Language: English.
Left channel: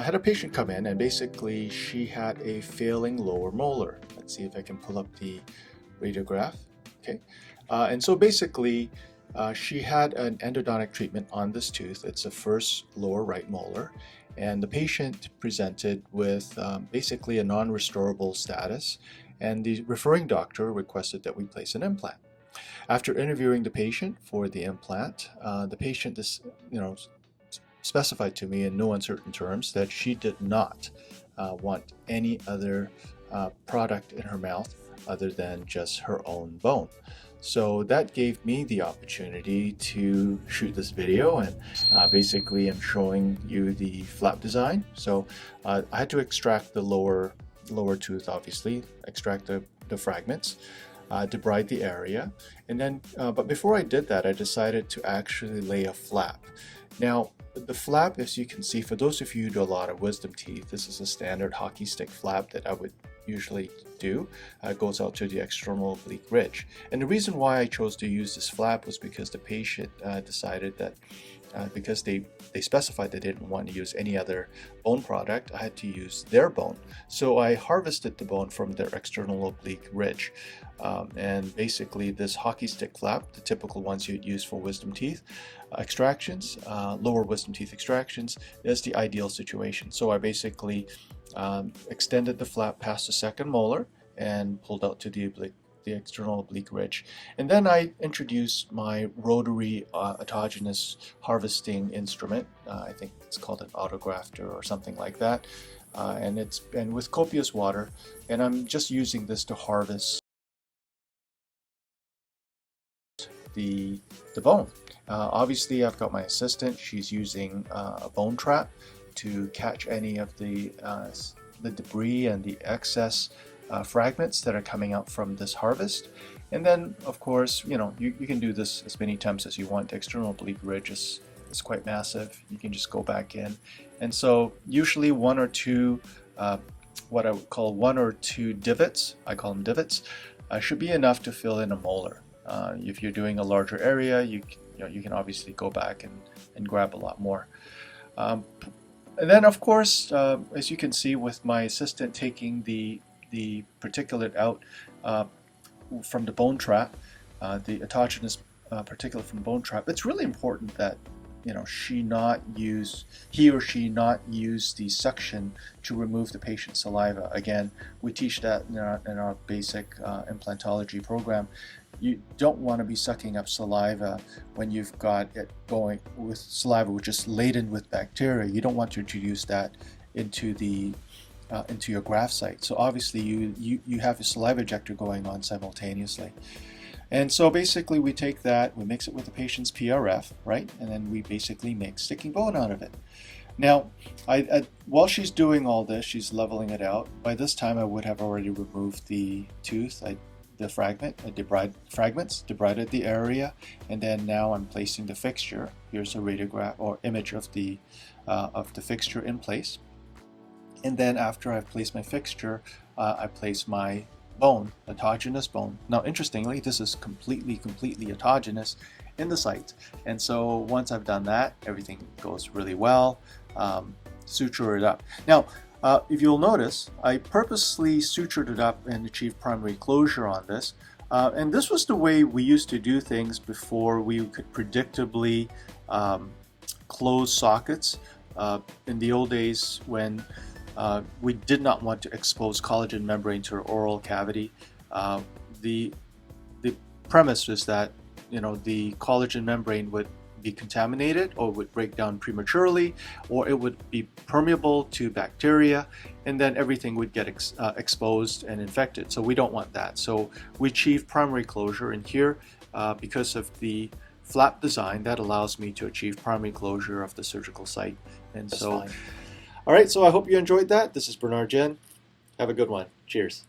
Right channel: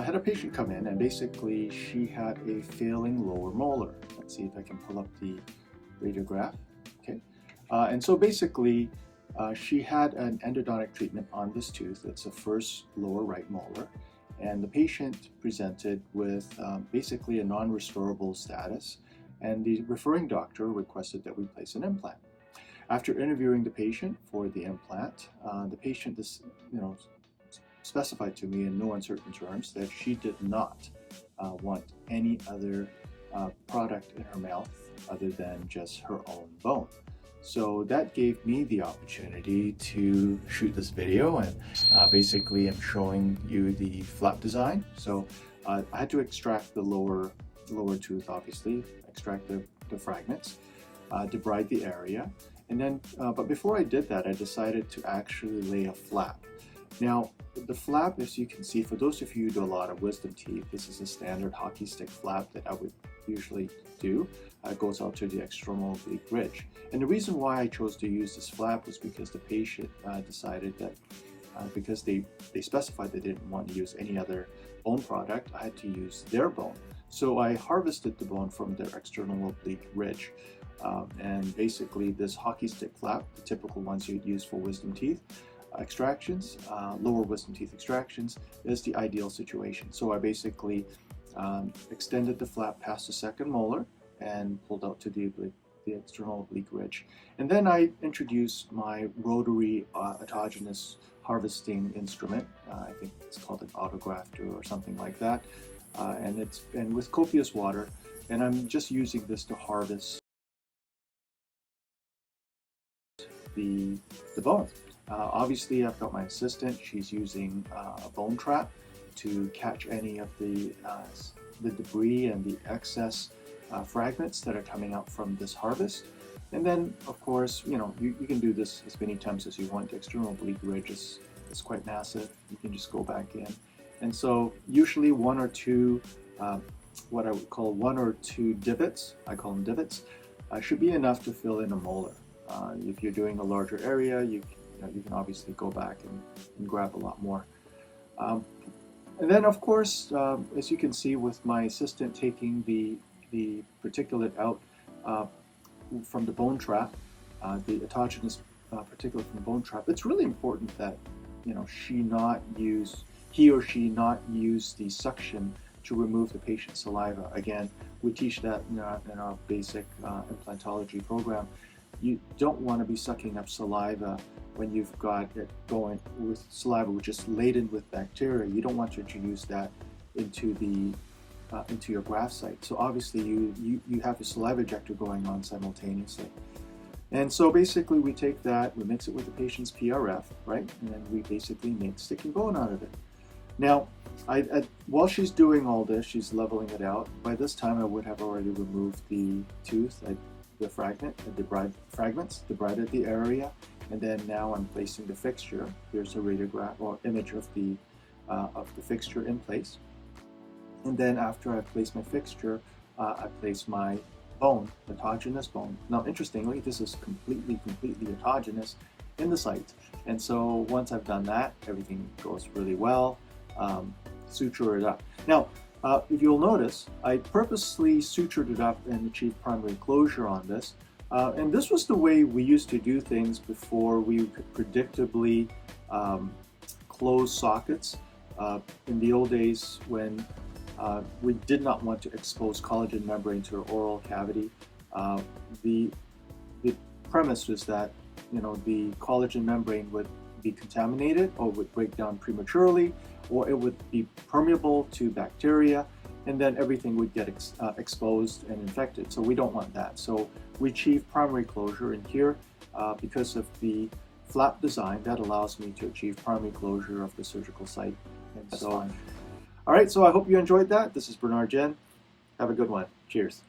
I had a patient come in and basically she had a failing lower molar. Let's see if I can pull up the radiograph. Okay, and so basically she had an endodontic treatment on this tooth. It's the first lower right molar, and the patient presented with basically a non-restorable status, and the referring doctor requested that we place an implant. After interviewing the patient for the implant, the patient specified to me in no uncertain terms that she did not want any other product in her mouth other than just her own bone. So that gave me the opportunity to shoot this video, and basically I'm showing you the flap design. So I had to extract the lower tooth, obviously, extract the fragments, debride the area, and then but before I did that, I decided to actually lay a flap. Now, the flap, as you can see, for those of you who do a lot of wisdom teeth, this is a standard hockey stick flap that I would usually do. It goes out to the external oblique ridge. And the reason why I chose to use this flap was because the patient decided that because they specified they didn't want to use any other bone product, I had to use their bone. So I harvested the bone from their external oblique ridge. And basically this hockey stick flap, the typical ones you'd use for wisdom teeth extractions, lower wisdom teeth extractions, is the ideal situation. So I basically extended the flap past the second molar and pulled out to the external oblique ridge. And then I introduced my Rotary autogenous harvesting instrument. I think it's called an Autografter or something like that. And with copious water, and I'm just using this to harvest the bone. Obviously, I've got my assistant. She's using a bone trap to catch any of the debris and the excess fragments that are coming out from this harvest. And then, of course, you can do this as many times as you want. The external oblique ridge is quite massive. You can just go back in. And so usually one or two, what I would call one or two divots, I call them divots, should be enough to fill in a molar. If you're doing a larger area, you can obviously go back and grab a lot more. And then, of course, as you can see with my assistant taking the particulate out from the bone trap, the autogenous particulate from the bone trap, it's really important that he or she not use the suction to remove the patient's saliva. Again, we teach that in our basic implantology program. You don't want to be sucking up saliva when you've got it going with saliva which is laden with bacteria. You don't want to introduce that into your graft site. So obviously you have a saliva ejector going on simultaneously. And so basically we take that, we mix it with the patient's PRF, right? And then we basically make sticking bone out of it. Now, while she's doing all this, she's leveling it out. By this time I would have already removed the tooth, the fragments, debrided the area, and then now I'm placing the fixture. Here's a radiograph or image of the fixture in place. And then after I've placed my fixture, I place my bone, autogenous bone. Now, interestingly, this is completely autogenous in the site. And so once I've done that, everything goes really well. Suture it up. Now, if you'll notice, I purposely sutured it up and achieved primary closure on this. And this was the way we used to do things before we could predictably close sockets. In the old days when we did not want to expose collagen membrane to our oral cavity, the premise was that the collagen membrane would be contaminated or would break down prematurely, or it would be permeable to bacteria, and then everything would get exposed and infected. So we don't want that. So we achieve primary closure, and here because of the flap design, that allows me to achieve primary closure of the surgical site. And so all right, so I hope you enjoyed that. This is Bernard Jen. Have a good one. Cheers.